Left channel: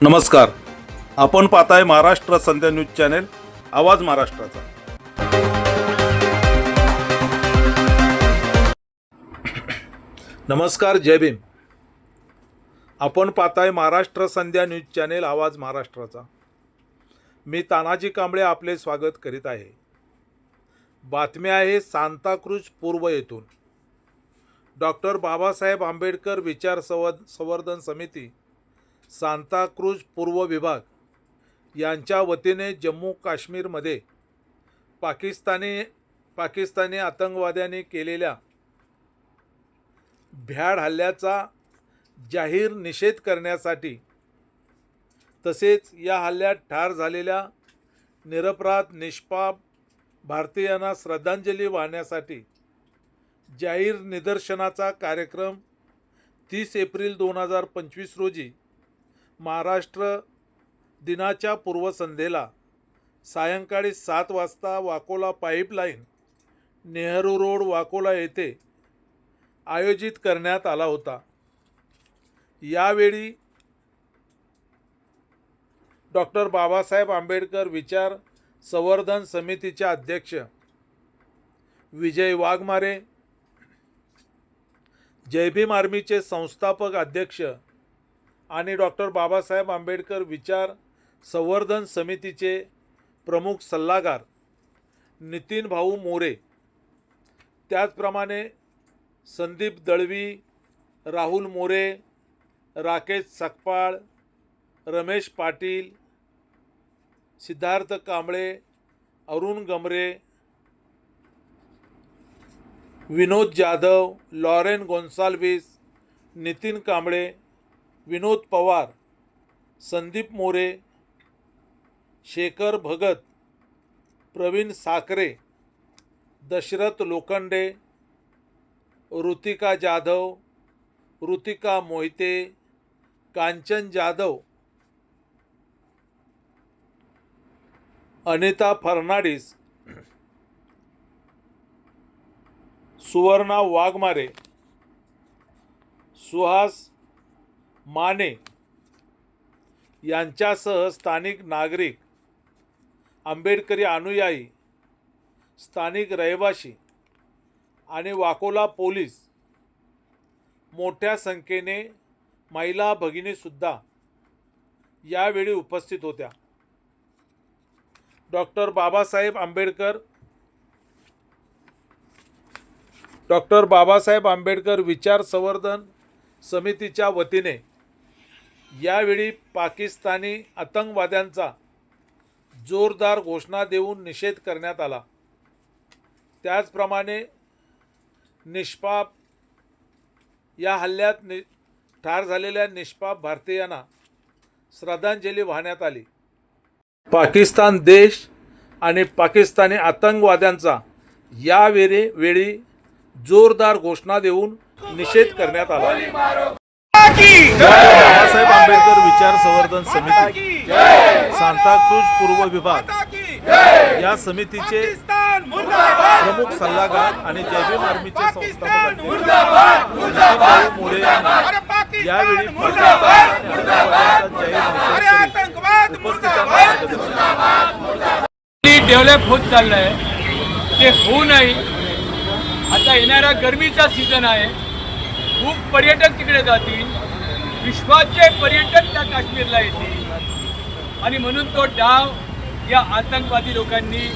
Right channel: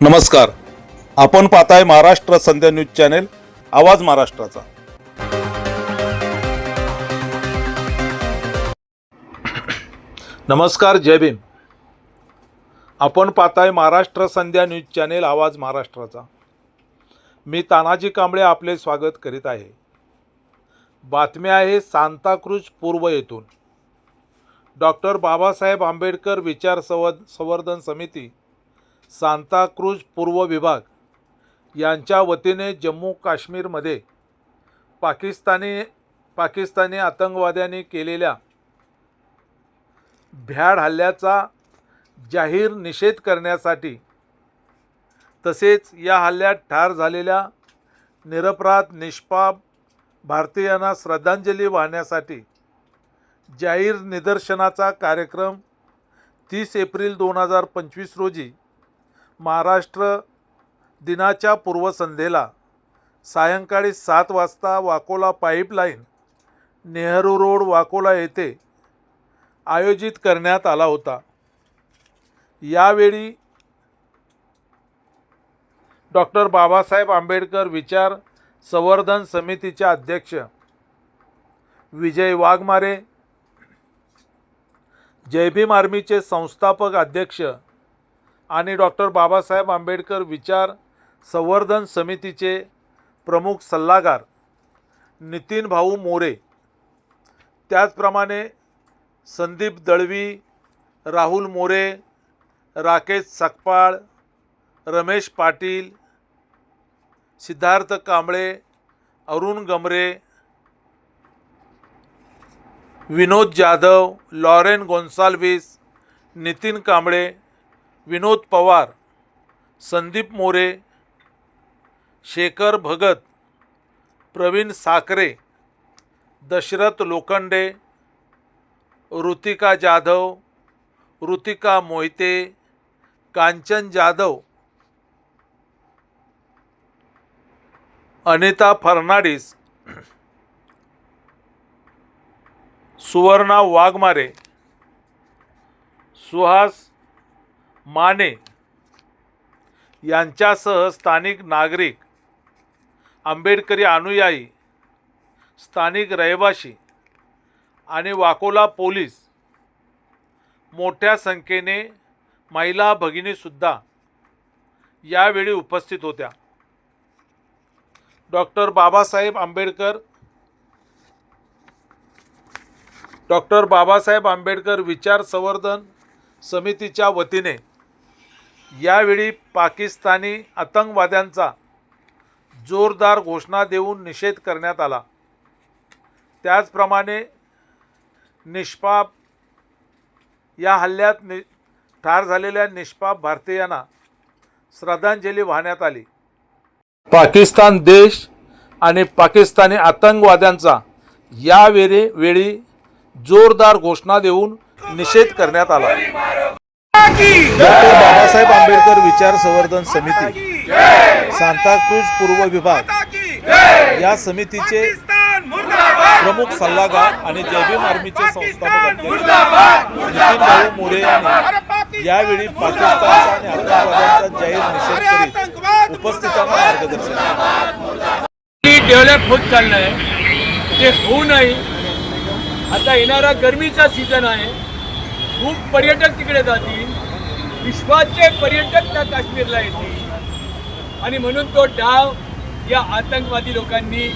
नमस्कार. आपण पाहताय महाराष्ट्र संध्या न्यूज चॅनेल आवाज महाराष्ट्राचा. नमस्कार जय भीम. आपण पाहताय महाराष्ट्र संध्या न्यूज चॅनेल आवाज महाराष्ट्राचा. मी तानाजी कांबळे आपले स्वागत करीत आहे. बातमी आहे सांताक्रूज पूर्व येथून. डॉक्टर बाबासाहेब आंबेडकर विचार संवर्धन समिती सांताक्रूज पूर्व विभाग यांच्या वतीने जम्मू काश्मीरमध्ये पाकिस्तानी पाकिस्तानी आतंकवाद्यांनी केलेल्या भ्याड हल्ल्याचा जाहीर निषेध करण्यासाठी तसेच या हल्ल्यात ठार झालेल्या निरपराध निष्पाप भारतीयांना श्रद्धांजली वाहण्यासाठी जाहीर निदर्शनाचा कार्यक्रम तीस एप्रिल दोन हजार पंचवीस रोजी महाराष्ट्र दिनाच्या पूर्वसंध्येला सायंकाळी सात वाजता वाकोला पाईपलाईन नेहरू रोड वाकोला येथे आयोजित करण्यात आला होता. यावेळी डॉक्टर बाबासाहेब आंबेडकर विचार संवर्धन समितीचे अध्यक्ष विजय वाघमारे जयभीम आर्मीचे संस्थापक अध्यक्ष आणि डॉक्टर बाबासाहेब आंबेडकर विचार संवर्धन समितीचे प्रमुख सल्लागार नितीन भाऊ मोरे. त्याचप्रमाणे संदीप दळवी राहुल मोरे राकेश सकपाळ रमेश पाटील सिद्धार्थ कांबळे अरुण गमरे विनोद जाधव लॉरेन गोन्साल्विस नितीन कांबळे विनोद पवार संदीप मोरे शेखर भगत प्रवीण साखरे दशरथ लोखंडे ऋतिका जाधव ऋतिका मोहिते कांचन जाधव अनिता फर्नाडिस सुवर्णा वाघमारे सुहास माने यांच्यासह स्थानिक नागरिक आंबेडकरी अनुयायी स्थानिक रहिवासी आणि वाकोला पोलीस मोठ्या संख्येने महिला भगिनीसुद्धा यावेळी उपस्थित होत्या. डॉक्टर बाबासाहेब आंबेडकर डॉक्टर बाबासाहेब आंबेडकर विचार संवर्धन समितीच्या वतीने यावेळी पाकिस्तानी आतंकवाद्यांचा जोरदार घोषणा देऊन निषेध करण्यात आला. त्याचप्रमाणे निष्पाप या हल्ल्यात नि ठार झालेल्या निष्पाप भारतीयांना श्रद्धांजली वाहण्यात आली. पाकिस्तान देश आणि पाकिस्तानी आतंकवाद्यांचा यावेळी वेळी जोरदार घोषणा देऊन निषेध करण्यात आला. डॉक्टर बाबासाहेब आंबेडकर विचार संवर्धन समिती सांताक्रूज पूर्व विभाग या समितीचे प्रमुख सल्लागार आणि जयभीम आर्मीचे संस्थापक भाऊ मोरे यांनी यावेळी पाकिस्तानचा आणि आतंकवाद्यांचा जाहीर निषेध करीत उपस्थितांना मार्गदर्शन. डेव्हलप होत चाललंय. ते होऊ नये आता येणारा गरमीचा सीझन आहे. खूप पर्यटक तिकडे जातील. विश्वाचे पर्यटक त्या काश्मीरला येतील. आणि म्हणून तो डाव या आतंकवादी लोकांनी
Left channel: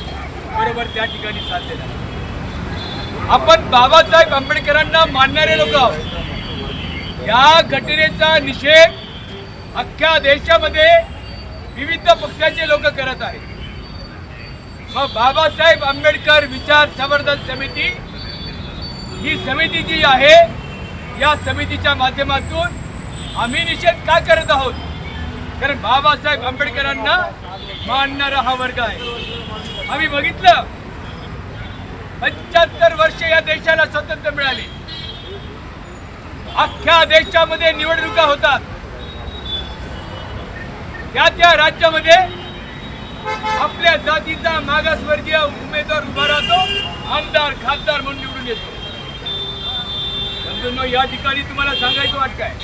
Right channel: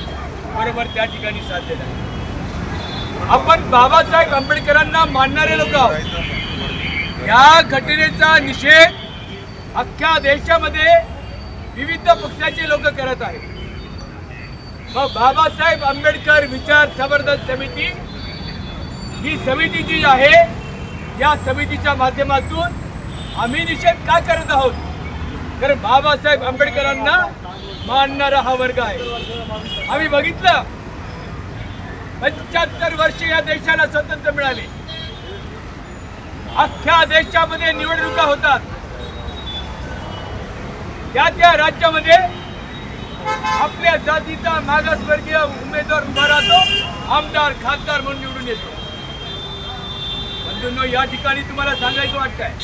बरोबर त्या ठिकाणी साधलेला आहे. आपण बाबासाहेब आंबेडकरांना मानणारे लोक आहोत. या घटनेचा निषेध अख्ख्या देशामध्ये विविध पक्षाचे लोक करत आहेत. मग बाबासाहेब आंबेडकर विचार संवर्धन समिती ही समिती जी आहे या समितीच्या माध्यमातून आम्ही निषेध का करत आहोत? कारण बाबासाहेब आंबेडकरांना मानणारा हा वर्ग आहे. आम्ही बघितलं पंच्याहत्तर वर्ष या देशाला स्वातंत्र्य मिळाले. अख्ख्या देशामध्ये निवडणुका होतात. त्या त्या राज्यामध्ये आपल्या जातीचा मागासवर्गीय उमेदवार उभा राहतो आमदार खासदार म्हणून निवडून येतो. बंधूंनो या ठिकाणी तुम्हाला सांगायचं वाटतंय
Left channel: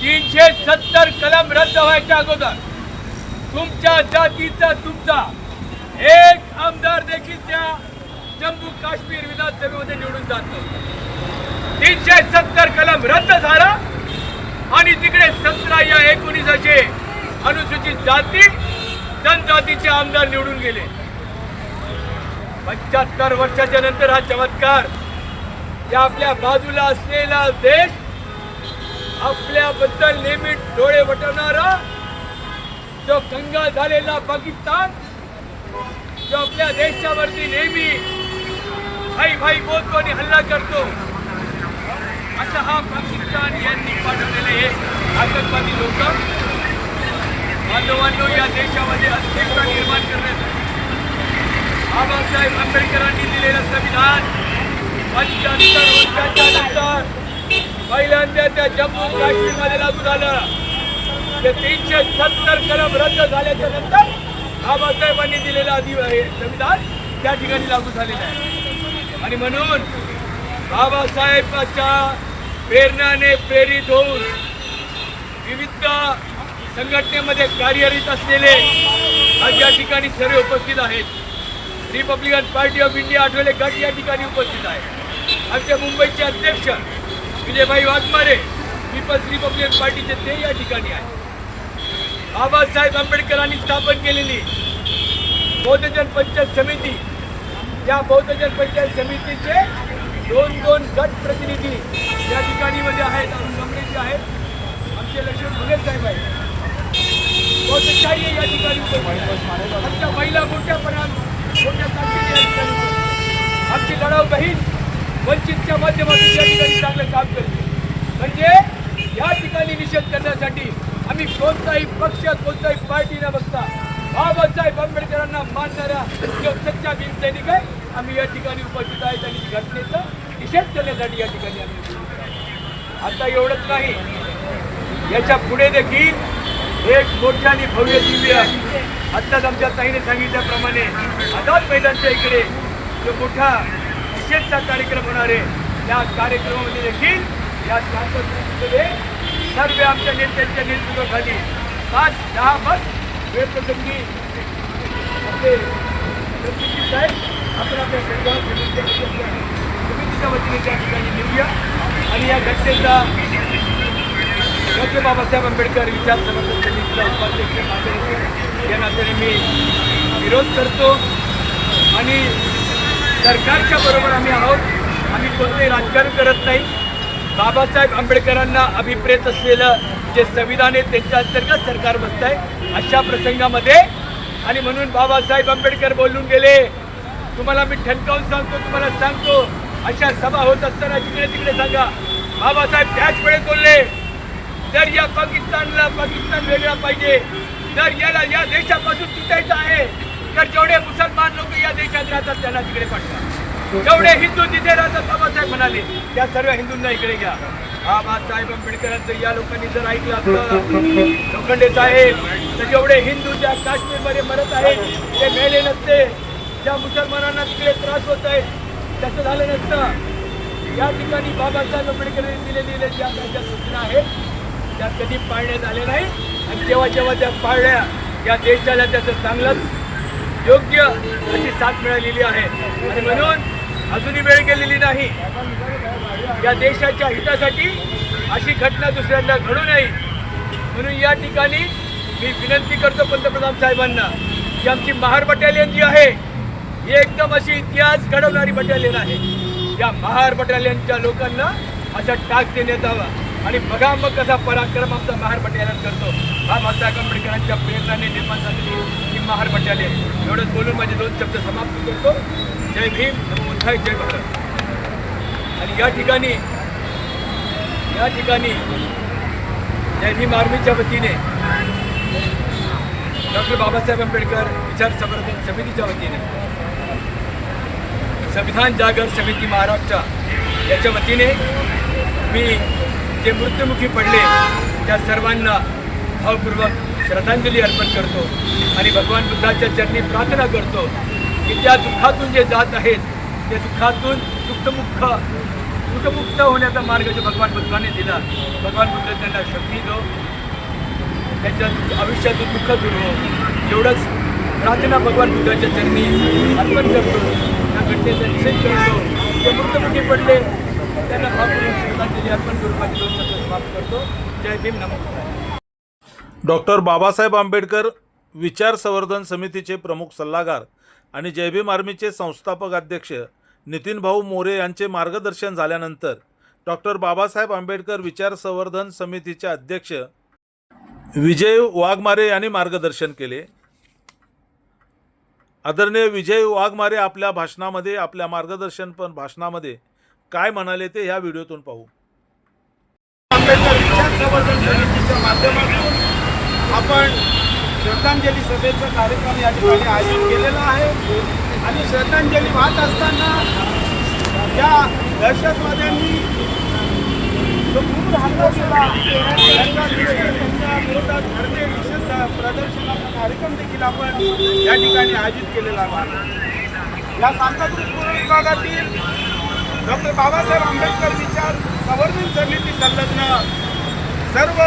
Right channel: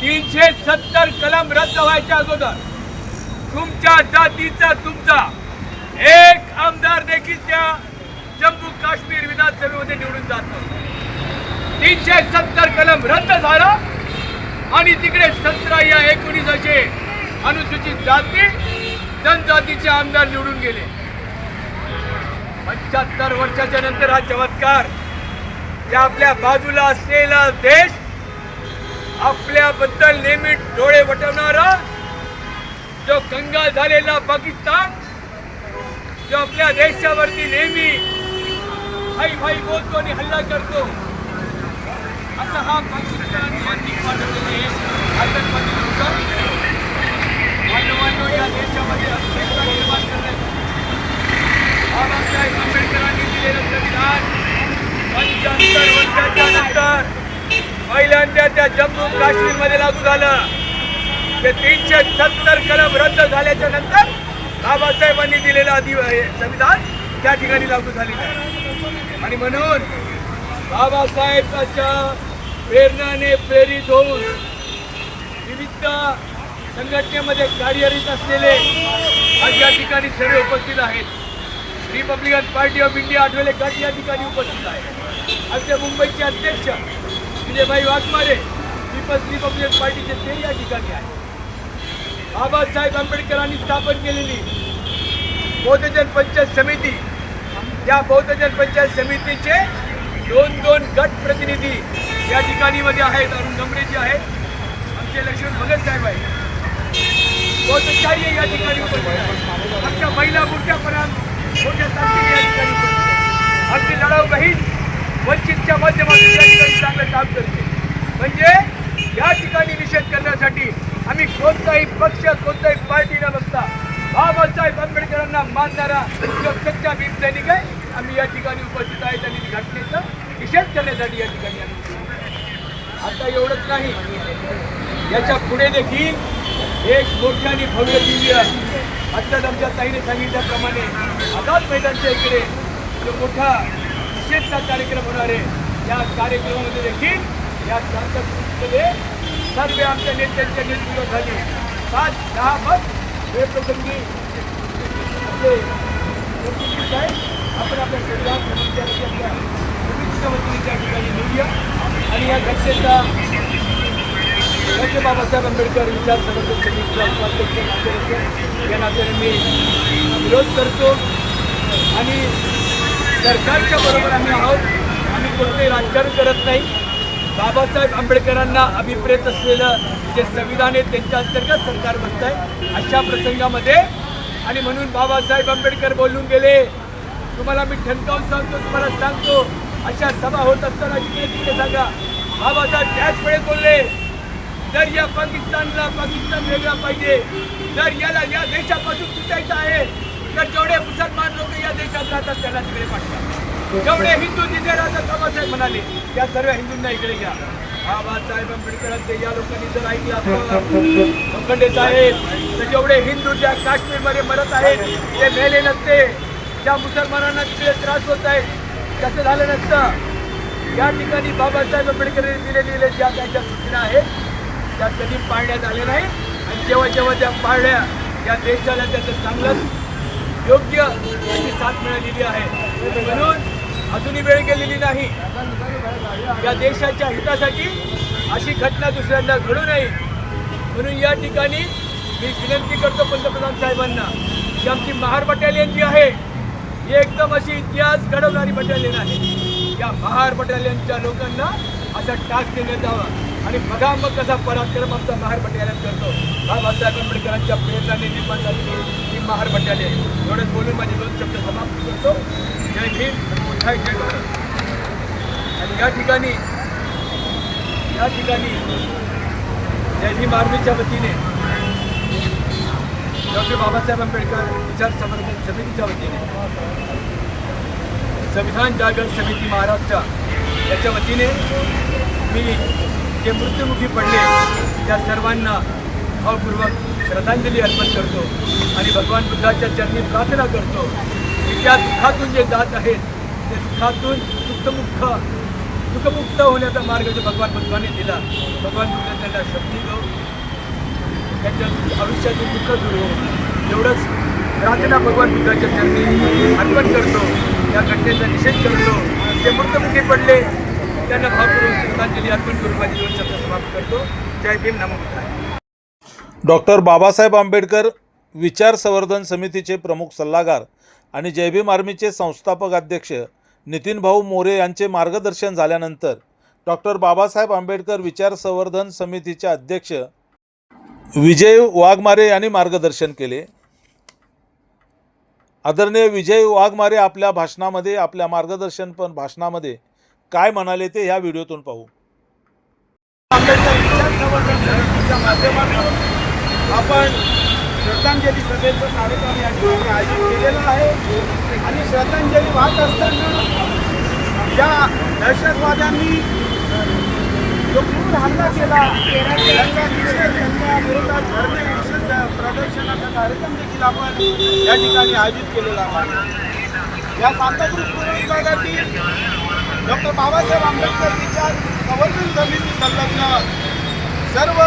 तीनशे सत्तर कलम रद्द व्हायच्या अगोदर तुमच्या जातीचा तुमचा एक आमदार देखील त्या जम्मू काश्मीर विधानसभेमध्ये निवडून जात नव्हता. तीनशे सत्तर कलम रद्द झाला आणि तिकडे सतरा या एकोणीस असे अनुसूचित जाती जनजातीचे आमदार निवडून गेले. पंच्याहत्तर वर्षाच्या नंतर हा चमत्कार या आपल्या बाजूला असलेला देश आपल्याबद्दल नेहमी डोळे वटवणारा जो गंगा झालेला पाकिस्तान जो आपल्या देशावरती नेहमी भाई भाई बोलतो आणि हल्ला करतो असा हा पाकिस्तान यांनी पाठवलेले हे आतंकवादी लोक मानवांनो या देशामध्ये अस्थिरता निर्माण करण्यासाठी बाबासाहेब आंबेडकरांनी दिलेलं संविधान पंच्याहत्तर वर्षाच्या नंतर पहिल्यांदा त्या जम्मू काश्मीरमध्ये लागू झालं. ते तीनशे सत्तर कलम रद्द झाल्याच्यानंतर बाबासाहेबांनी दिलेलं अधि संविधान त्या ठिकाणी लागू झालेलं आहे. आणि म्हणून बाबासाहेबांच्या प्रेरणाने प्रेरित होऊन विविध संघटनेमध्ये कार्यरत असलेले आज या ठिकाणी सर्व उपस्थित आहेत. Republican Party of India Athawale गट या ठिकाणी उपस्थित आहे आमच्या मुंबईचे अध्यक्ष विजयभाई वाघमारे पीपल्स रिपब्लिकन पार्टीचे ते या ठिकाणी आहे बाबासाहेब आंबेडकरांनी स्थापन केलेली बौद्धजन पंचायत समिती या बौद्धजन पंचायत समितीचे दोन दोन गट प्रतिनिधी या ठिकाणी मध्ये आहेत अरुण गमरेजी आहेत आमचे लक्ष्मण भगत साहेब आहेत. बौद्धशाही या ठिकाणी उपस्थित आहे आमच्या महिला मोठ्यापर्यंत मोठ्या ताकदीने या ठिकाणी उपस्थित आहे आमची लढाऊ बहीण वंचितच्या माध्यमातून या ठिकाणी चांगलं काम करते. म्हणजे या ठिकाणी निषेध करण्यासाठी आम्ही कोणताही पक्ष कोणताही पार्टी न बघता बाबासाहेब आंबेडकरांना मानणारा जो सच्चा भीम सैनिक आहे आम्ही या ठिकाणी उपस्थित आहेत आणि घटनेचा निषेध करण्यासाठी या ठिकाणी आम्ही उपस्थित आता एवढंच नाही याच्यापुढे देखील एक मोठ्याने आणि भव्य दिव्य आत्ताच आमच्या ताईने सांगितल्याप्रमाणे आझाद मैदानच्या इकडे जो मोठा निषेधचा कार्यक्रम होणार आहे. या कार्यक्रमामध्ये देखील या शांततेमध्ये सर्व आमच्या नेत्यांच्या नेतृत्वाखाली पाच दहा बस वेळप्रसंगी आपले सरचिटणीस साहेब आपण आपल्या संविधान समितीच्या वतीने समितीच्या वतीने त्या ठिकाणी निघूया आणि या घटनेचा डॉक्टर बाबासाहेब आंबेडकर विचार संवर्धन समितीचा उपाध्यक्ष या नात्याने मी विरोध करतो. आणि सरकारच्या बरोबर आम्ही आहोत. आम्ही कोणतेही राजकारण करत नाही. बाबासाहेब आंबेडकरांना अभिप्रेत असलेलं जे संविधान आहे त्यांच्या अंतर्गत सरकार बसत आहे अशा प्रसंगामध्ये आणि म्हणून बाबासाहेब आंबेडकर बोलून गेले तुम्हाला मी ठणकावून सांगतो तुम्हाला सांगतो अशा सभा होत असताना तिकडे तिकडे सांगा. बाबासाहेब त्याच वेळेत बोलले जर या पाकिस्तानला पाकिस्तान वेगळा पाहिजे जर याला या देशापासून तुटायचं आहे तर जेवढे मुसलमान लोक या देशात राहतात त्यांना तिकडे पाठवा. जेवढे हिंदू तिथे राहतात बाबासाहेब म्हणाले त्या सर्व हिंदूंना इकडे घ्या. बाबासाहेब आंबेडकरांचं या लोकांनी जर ऐकलं असतं लोखंडे साहेब तर जेवढे हिंदू ज्या काश्मीरमध्ये मरत आहेत ते मेले नसते. ज्या मुसलमानांना तिकडे त्रास होत आहे त्याचं झालं नसतं. या ठिकाणी बाबासाहेब आंबेडकरांनी दिलेल्या ज्या त्यांच्या सूचना आहेत त्या कधी पाळण्यात आल्या नाही आणि जेव्हा जेव्हा त्या पाळल्या या देशाला त्याचं चांगलंच योग्य अशी साथ मिळालेली आहे. म्हणून अजूनही वेळ गेलेली नाही. या देशाच्या हितासाठी अशी घटना दुसऱ्यांदा घडू नये. म्हणून या ठिकाणी मी विनंती करतो पंतप्रधान साहेबांना की आमची महार बटालियन जी आहे ही एकदम अशी इतिहास घडवणारी बटालियन आहे. या महार बटालियनच्या लोकांना असा टाक देण्यात यावा. आणि बघा मग कसा पराक्रम आमचा महार बटालियन करतो. बाबासाहेब आंबेडकरांच्या प्रेरणाने निर्माण झालेली ही महार बटालियन एवढंच बोलून माझे दोन शब्द समाप्त करतो. जय भीम मोठा जय भारत. आणि या ठिकाणी या ठिकाणी जय भीम आर्मीच्या वतीने डॉक्टर बाबासाहेब आंबेडकर विचार संवर्धन समितीच्या वतीने संविधान जागर समिती महाराष्ट्र याच्या वतीने मी जे मृत्युमुखी पडले त्या सर्वांना भावपूर्वक श्रद्धांजली अर्पण करतो आणि भगवान बुद्धाच्या चरणी प्रार्थना करतो की त्या दुःखातून जे जात आहेत ते दुःखातून दुःखमुख दुःखमुक्त होण्याचा मार्ग जो भगवान बुद्धाने दिला भगवान बुद्ध त्यांना शक्ती दो त्यांच्या दुःख- आयुष्यातील दुःख दूर हो. एवढंच प्रार्थना भगवान बुद्धाच्या चरणी अर्पण करतो. त्या घटनेचा निषेध करतो. ते मृतमुखी पडले त्यांना भावपूर्वक श्रद्धांजली अर्पण करून माझी दोन शब्द समाप्त करतो. जय भीम नमो डॉक्टर बाबासाहेब आंबेडकर विचार संवर्धन समितीचे प्रमुख सल्लागार आणि जयभीम आर्मीचे संस्थापक अध्यक्ष नितीन भाऊ मोरे यांचे मार्गदर्शन झाल्यानंतर डॉक्टर बाबासाहेब आंबेडकर विचार संवर्धन समितीचे अध्यक्ष विजय वाघमारे यांनी मार्गदर्शन केले. आदरणीय विजय वाघमारे आपल्या भाषणामध्ये आपल्या मार्गदर्शन पण भाषणामध्ये काय म्हणाले ते या व्हिडिओतून पाहू. आंबेडकर विचार संवर्धन समितीच्या माध्यमातून आपण श्रद्धांजली सभेचा कार्यक्रम या ठिकाणी आयोजित केलेला आहे. आणि श्रद्धांजली वाहत असताना ज्या दहशतवाद्यांनी जो क्रूर हल्ला केला त्यांचा निषेध त्यांच्या विरोधात धरणे निषेध प्रदर्शनाचा कार्यक्रम देखील आपण या ठिकाणी आयोजित केलेला आहे. या सांताक्रूज पूर्व विभागातील डॉक्टर बाबासाहेब आंबेडकरजीच्या संवर्धन समिती संलग्न. सर्व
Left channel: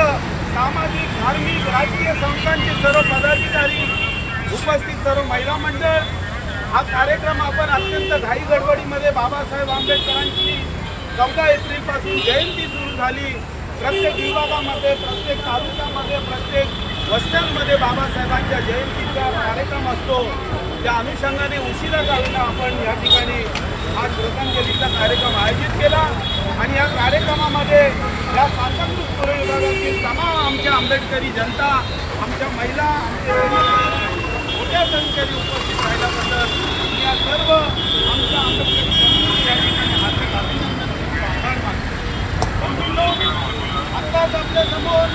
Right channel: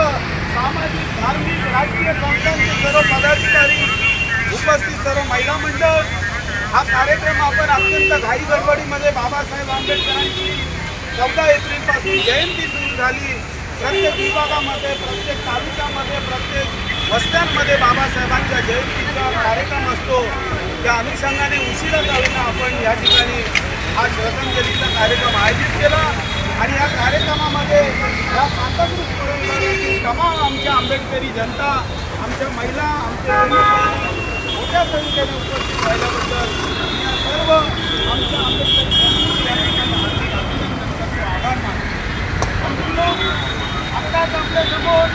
सामाजिक धार्मिक राजकीय संस्थांचे सर्व पदाधिकारी उपस्थित सर्व महिला मंडळ. हा कार्यक्रम आपण अत्यंत घाई गडबडीमध्ये बाबासाहेब आंबेडकरांची चौदा एप्रिलपासून जयंती सुरू झाली. प्रत्येक विभागामध्ये प्रत्येक तालुक्यामध्ये प्रत्येक वस्त्यांमध्ये बाबासाहेबांच्या जयंतीचा कार्यक्रम असतो. त्या अनुषंगाने उशिरा जाऊन आपण या ठिकाणी हा श्रद्धांजलीचा कार्यक्रम आयोजित केला आणि या कार्यक्रमामध्ये या सांताक्रूज पूर्व विभागातील तमाम आमच्या आंबेडकरी जनता आमच्या महिला आमच्या मोठ्या संख्येने उपस्थित राहिल्याबद्दल या सर्व आमच्या आंबेडकरी समूह या ठिकाणी हार्दिक अभिनंदन करतो आभार मानतो. आत्ताच आपल्यासमोर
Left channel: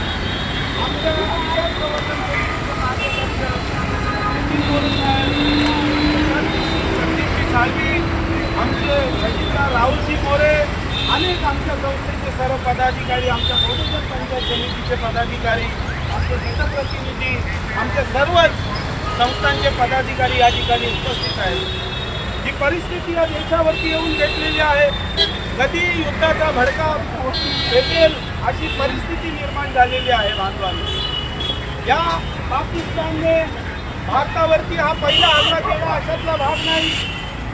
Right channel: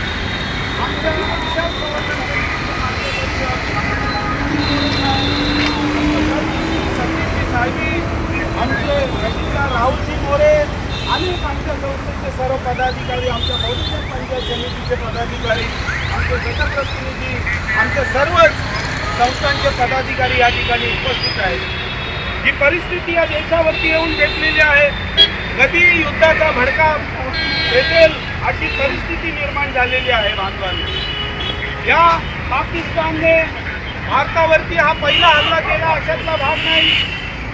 आमच्या विचार प्रवर्तन समितीचे मार्गदर्शक नितीन साळवी आमचे राहुलजी मोरे अनेक आमच्या संस्थेचे सर्व पदाधिकारी आमच्या बहुजन पंचायत समितीचे पदाधिकारी आमचे गटप्रतिनिधी आमचे सर्वच संस्थांचे पदाधिकारी या ठिकाणी उपस्थित आहेत. ही परिस्थिती या देशावरती येऊन घेतलेली आहे. कधी युद्धाचा भडका भेटेल अशी परिस्थिती निर्माण झालेली आहे बांधवांनी या पाकिस्तानने भारतावरती हा पहिला हल्ला केला अशातला भाग नाही.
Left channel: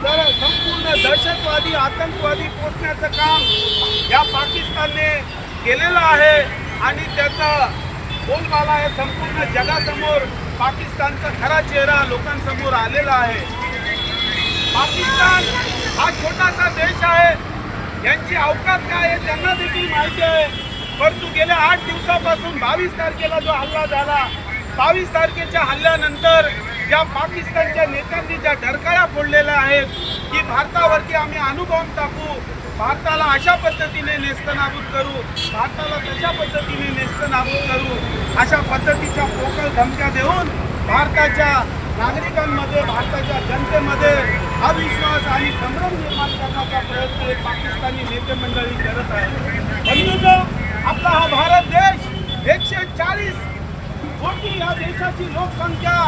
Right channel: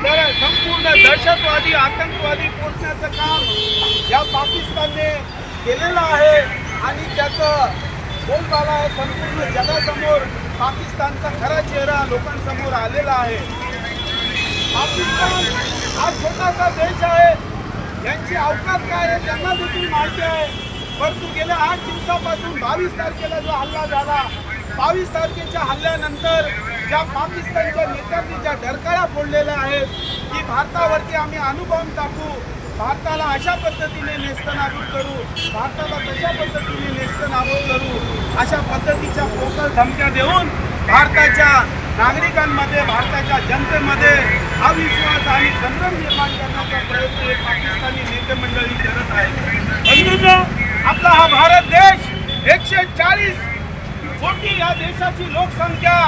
तर संपूर्ण दहशतवादी आतंकवादी पोचण्याचं काम या पाकिस्तानने केलेलं आहे आणि त्याचं बोलबाला आहे संपूर्ण जगासमोर. पाकिस्तानचा खरा चेहरा लोकांसमोर आलेला आहे. पाकिस्तान हा छोटासा देश आहे. यांची अवकात काय आहे त्यांना देखील माहिती आहे. परंतु गेल्या आठ दिवसापासून बावीस तारखेला जो हल्ला झाला बावीस तारखेच्या हल्ल्यानंतर ज्या पाकिस्तानच्या नेत्यांनी ज्या डरकाळ्या फोडलेल्या आहेत की भारतावरती आम्ही अनुभव टाकू भारताला अशा पद्धतीने नेस्तनाबूत करू भारताला तशा पद्धतीने नेस्तनाबूत करू अशा पद्धतीच्या पोकळ धमक्या देऊन भारताच्या नागरिकांमध्ये भारताच्या जनतेमध्ये अविश्वास आणि संभ्रम निर्माण करण्याचा प्रयत्न पाकिस्तानी नेते मंडळी करत आहे बंधूंनो आपला हा भारत देश एकशे चाळीस कोटी या देशाची लोकसंख्या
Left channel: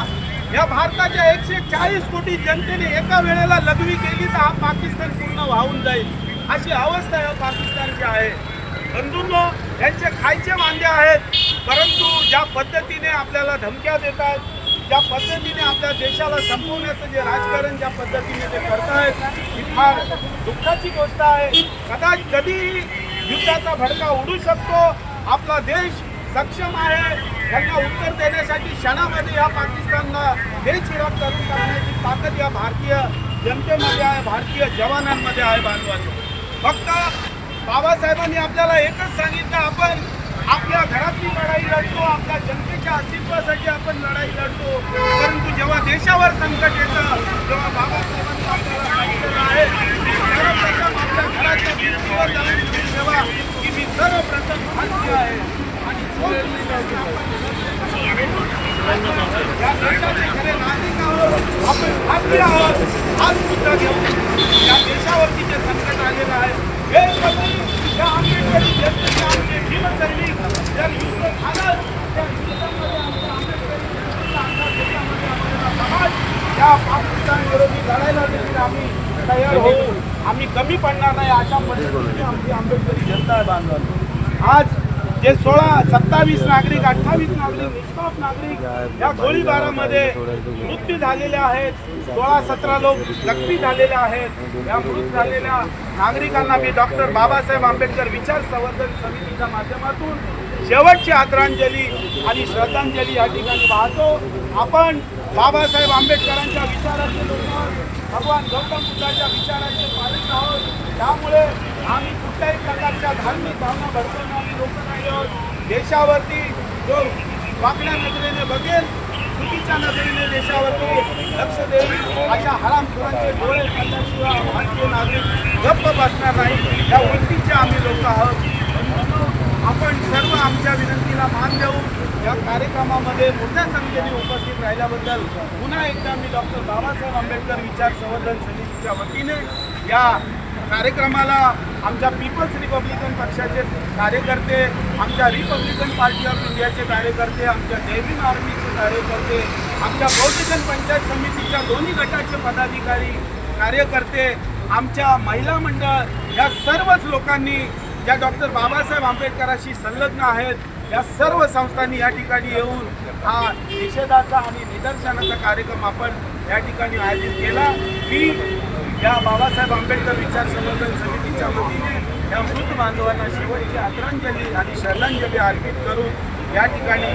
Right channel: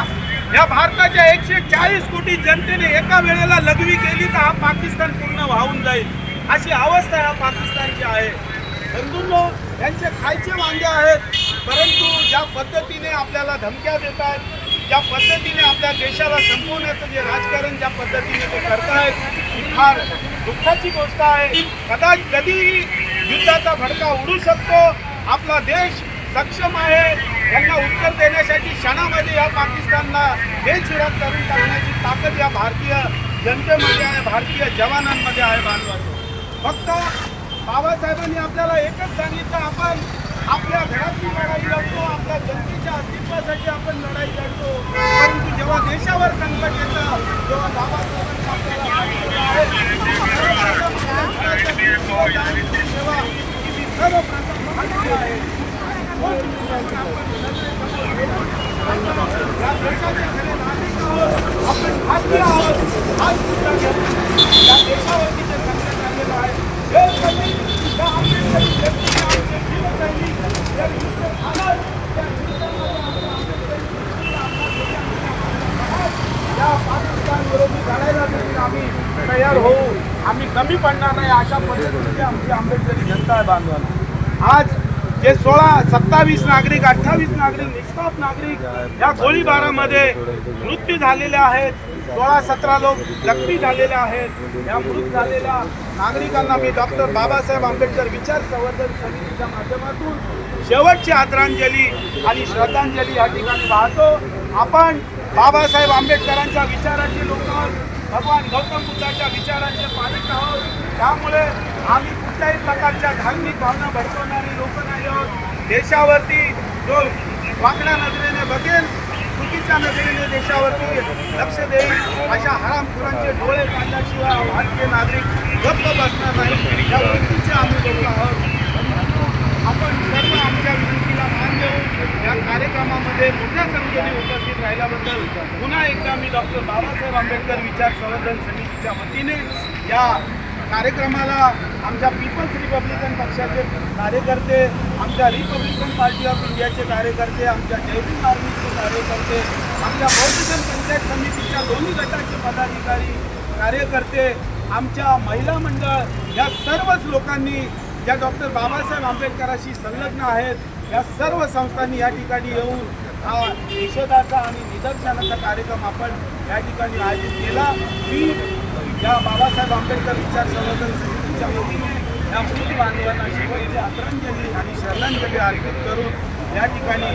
या भारताच्या एकशे चाळीस कोटी जनतेने एका वेळेला लघवी केली तर हा पाकिस्तान पूर्ण वाहून जाईल. अशी अवस्था या पाकिस्तानची आहे. बंधूंनो यांचे खायचे वांदे आहेत परंतु ज्या पद्धतीने आपल्याला धमक्या देत आहेत ज्या पद्धतीने आपल्या देशाला संपवण्याचं जे राजकारण ज्या पद्धतीने ते करतायत ही फार दुःखाची गोष्ट आहे. कदाच कधीही युद्धाचा भडका उडू शकतो. आपला देश सक्षम आहे. यांना उत्तर देण्यासाठी क्षणामध्ये या पाकिस्तानला बेचिराग करून टाकण्याची ताकद या भारतीय जनतेमध्ये आहे भारतीय जवानांमध्ये आहे बांधवांनो फक्त बाबासाहेबांनी आपल्याला एकच सांगितलं आपण आपल्या घरातली लढाई लढतो आपल्या जनतेच्या अस्तित्वासाठी आपण लढाई लढतो. परंतु जेव्हा देशावर संकट येतं तेव्हा बाबासाहेबांनी आपल्याला सांगितलेलं आहे. सर्वप्रथम आपल्या घराच्या भिंतीवर जाऊन ठेवा की मी सर्वप्रथम आहे आणि या घेऊन देशावरती जे संकट आलेलं आहे हे आंबेडकरी जनतेचे आमचे भीमसैनिक जर युद्ध झालं त्या युद्धामध्ये आमच्या आंबेडकरी जनतेचा आमच्या देशामध्ये आपल्याला समाज या पाकिस्तान विरोधी लढायला देखील आम्ही तयार होऊ आम्ही कमी पडणार नाही अशा पद्धतीची आमची आंबेडकरी जनता आहे बांधवांनो. आज जे सोळा सत्तावीस नागरिक अठ्ठावीस नागरिक निष्पाप नागरिक या गोळीबारामध्ये मृत्यू झालेले आहेत. सोळा सतरा लोक जखमी झालेले आहेत. या मृत झालेल्या नागरिकांना मी डॉक्टर बाबासाहेब आंबेडकर विचार संवर्धन समितीच्या माध्यमातून शेवटची आदरांजली आणि श्रद्धांजली या ठिकाणी वाहतो. आपण बाबासाहेब आंबेडकरांच्या विचाराचे लोक भगवान गौतम बुद्धाच्या विचारांचे पालक आहोत. त्यामुळे आम्ही कोणत्याही प्रकारच्या धार्मिक भावना भडकवणारी लोक नाही आहोत. देशावरती जो वाकड्या नजरेने बघेल चुकीच्या नजरेने देशावरती लक्ष देईल अशा हरामखोरांचे डोळे काढल्याशिवाय भारतीय नागरिक गप्प बसणार नाही. या वृत्तीचे आम्ही लोक आहोत. आपण सर्व आमच्या विनंतीला मान देऊन या कार्यक्रमामध्ये मोठ्या संख्येने उपस्थित राहिल्याबद्दल पुन्हा एकदा मी डॉक्टर बाबासाहेब आंबेडकर विचार संवर्धन समितीच्या वतीने या कार्यक्रमाला आमच्या पीपल्स रिपब्लिकन पक्षाचे कार्यकर्ते आमच्या रिपब्लिकन पार्टी ऑफ इंडियाचे कार्यकर्ते आमच्या डेव्हिन आर्मीचे कार्यकर्ते आमच्या बहुजन पंचायत समितीच्या दोन्ही गटाचे पदाधिकारी कार्यकर्ते आमच्या महिला मंडळ या सर्वच लोकांनी ज्या डॉक्टर बाबासाहेब आंबेडकरांशी संलग्न आहेत या सर्व संस्थांनी या ठिकाणी येऊन हा निषेधाचा आणि निदर्शनाचा कार्यक्रम आपण या ठिकाणी आयोजित केला. मी या बाबासाहेब आंबेडकर विचार संवर्धन समितीच्या वतीने या मृत बांधवांना शेवटची आदरांजली आणि श्रद्धांजली अर्पित करून या ठिकाणी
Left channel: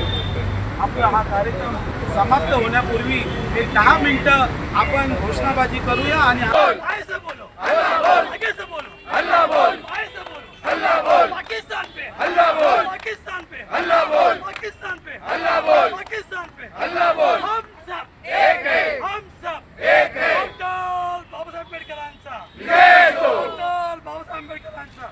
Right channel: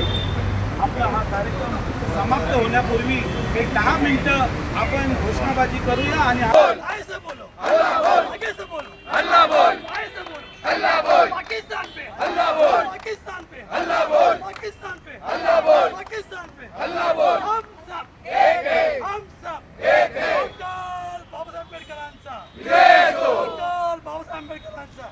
आपला हा कार्यक्रम समाप्त होण्यापूर्वी एक दहा मिनिटं आपण घोषणाबाजी करूया आणि पाकिस्तान पे हल्ला बोल पाकिस्तान पे हल्ला बोल पाकिस्तान पे हल्ला बोल पाकिस्तान पे हल्ला बोल हम सब एक है हम सब एक है डॉक्टर बाबासाहेब आंबेडकरांचा डॉक्टर बाबासाहेब आंबेडकरांचा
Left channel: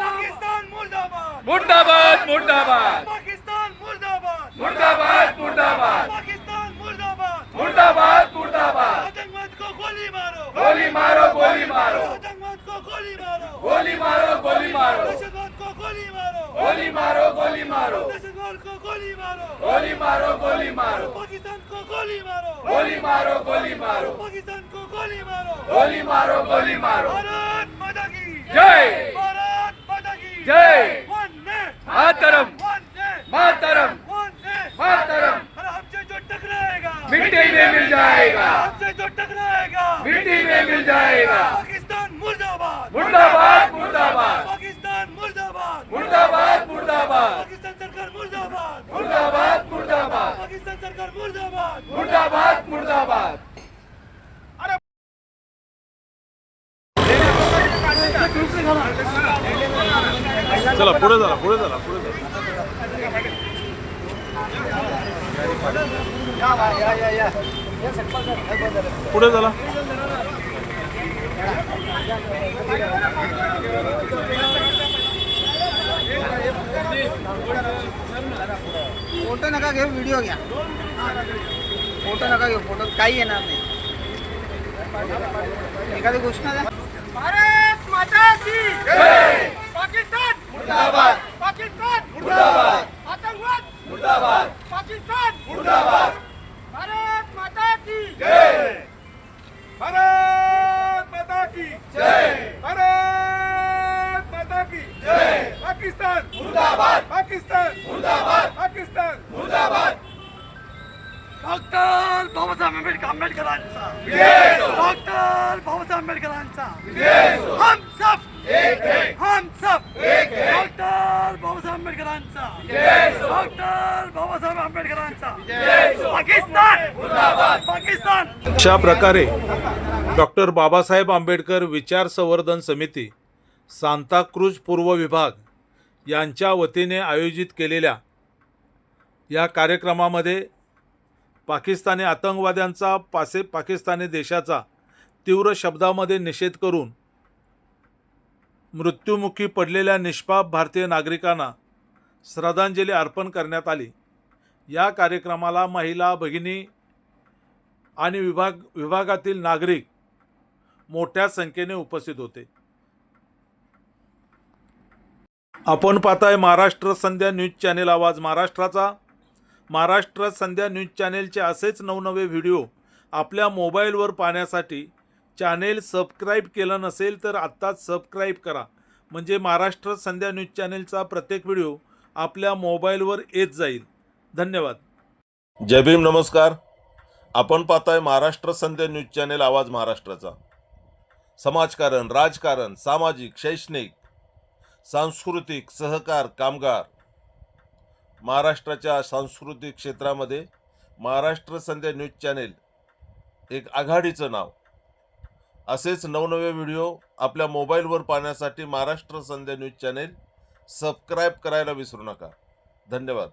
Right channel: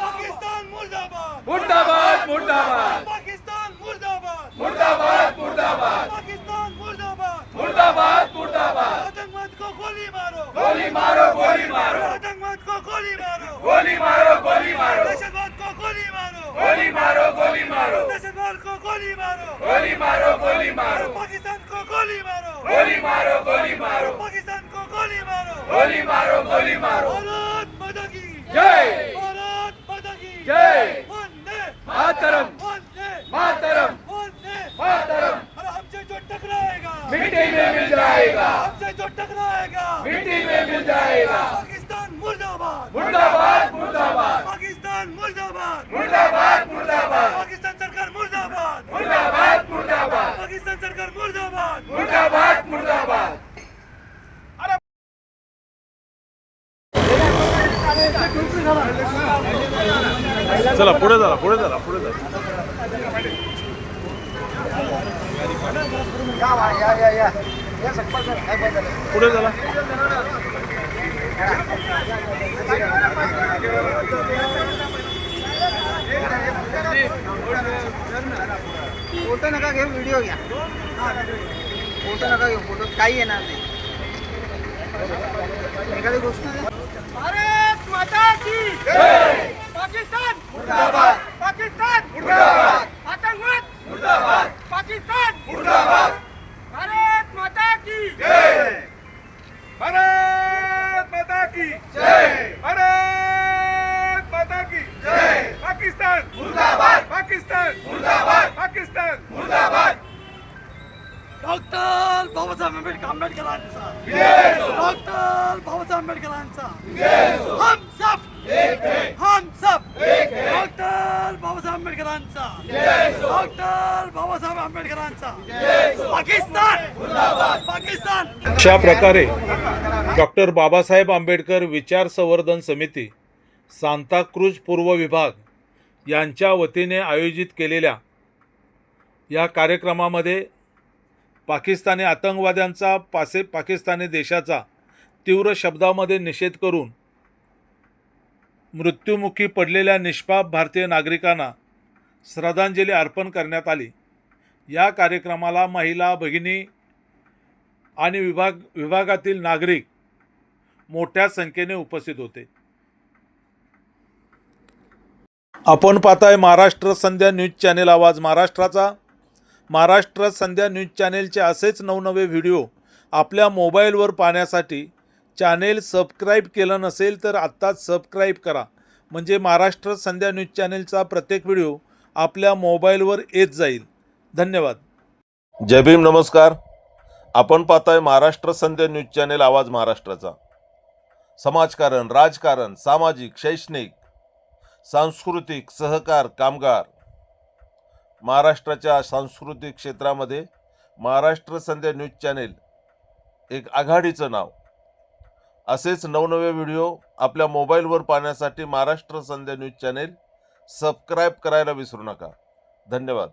पाकिस्तान मुर्दाबाद मुर्दाबाद मुर्दाबाद पाकिस्तान मुर्दाबाद मुर्दाबाद मुर्दाबाद पाकिस्तान मुर्दाबाद मुर्दाबाद मुर्दाबाद आतंकवाद को गोली मारो गोली मारो गोली मारो आतंकवाद को गोली मारो गोली मारो गोली मारो दहशतवाद को गोली मारो गोली मारो गोली मारो दहशतवाद को गोली मारो गोली मारो गोली मारो पाकिस्तान को गोली मारो गोली मारो गोली मारो। पाकिस्तान को गोली मारो। गोली मारो गोली मारो। भारत माता की जय। भारत माता की जय। वंदे। मातरम। वंदे। मातरम। वंदे। मातरम। अरे हमसे जो टकराएगा। मिट्टी में मिल जाएगा। हमसे जो टकराएगा। मिट्टी में मिल जाएगा। पाकिस्तान मुर्दाबाद। मुर्दाबाद मुर्दाबाद। पाकिस्तान मुर्दाबाद। मुर्दाबाद मुर्दाबाद पाकिस्तान सरकार मुर्दाबाद मुर्दाबाद मुर्दाबाद पाकिस्तान सरकार मुर्दाबाद मुर्दाबाद मुर्दाबाद चला पुढे झाला पुढे झाला पुढे झाला पुढे झाला फोटो नका घेऊ व्हिडिओ घ्या. फोटो नका घेऊ फोटो काही येणार नाही. एखादी द्या भारत माता की पाकिस्तान! मुर्दाबाद! पाकिस्तान! मुर्दाबाद! आतंकवाद! मुर्दाबाद! पाकिस्तान! मुर्दाबाद! भारत माता की जय! भारत माता की जय! भारत माता की जय! पाकिस्तान! मुर्दाबाद! पाकिस्तान! मुर्दाबाद! पाकिस्तान! मुर्दाबाद! डॉक्टर बाबासाहेब आंबेडकर आंबेडकरांचा! डॉक्टर बाबासाहेब आंबेडकरांचा! हम सब हम सब एक है डॉक्टर बाबासाहेब आंबेडकरांचा जय डॉक्टर बाबासाहेब आंबेडकरांचा जय पाकिस्तान! पाकिस्तान! अशा प्रकारे डॉक्टर बाबासाहेब आंबेडकर विचार संवर्धन समिती सांताक्रूज पूर्व विभाग यांच्या वतीने आयोजित केलेल्या या कार्यक्रमामध्ये पाकिस्तानी आतंकवाद्यांचा पासे पाकिस्तानी देशाचा तीव्र शब्दामध्ये निषेध करून मृत्युमुखी पडलेल्या निष्पाप भारतीय नागरिकांना श्रद्धांजली अर्पण करण्यात आली. या कार्यक्रमाला महिला भगिनी आणि विभाग विभागातील नागरिक मोठ्या संख्येने उपस्थित होते. आपण पाहताय महाराष्ट्र संध्या न्यूज चॅनेल आवाज. महाराष्ट्राचा महाराष्ट्र संध्या न्यूज चॅनेलचे असेच नवनवे व्हिडिओ आपल्या मोबाईलवर पाहण्यासाठी चॅनेल सबस्क्राईब केलं नसेल तर आत्ताच सबस्क्राईब करा. म्हणजे महाराष्ट्र संध्या न्यूज चॅनेलचा प्रत्येक व्हिडिओ आपल्या मोबाईलवर येत जाईल. धन्यवाद. जय भीम नमस्कार. आपण पाहताय महाराष्ट्र संध्या न्यूज चॅनेल आवाज महाराष्ट्राचा. समाजकारण राजकारण सामाजिक शैक्षणिक सांस्कृतिक सहकार कामगार. महाराष्ट्राच्या सांस्कृतिक क्षेत्रामध्ये महाराष्ट्र संध्या न्यूज चॅनेल एक आघाडीचं नाव. असेच नवनवे व्हिडिओ आपल्या मोबाईलवर पाहण्यासाठी Maharashtra Sandhya news channel subscribe करायला विसरू नका. धन्यवाद.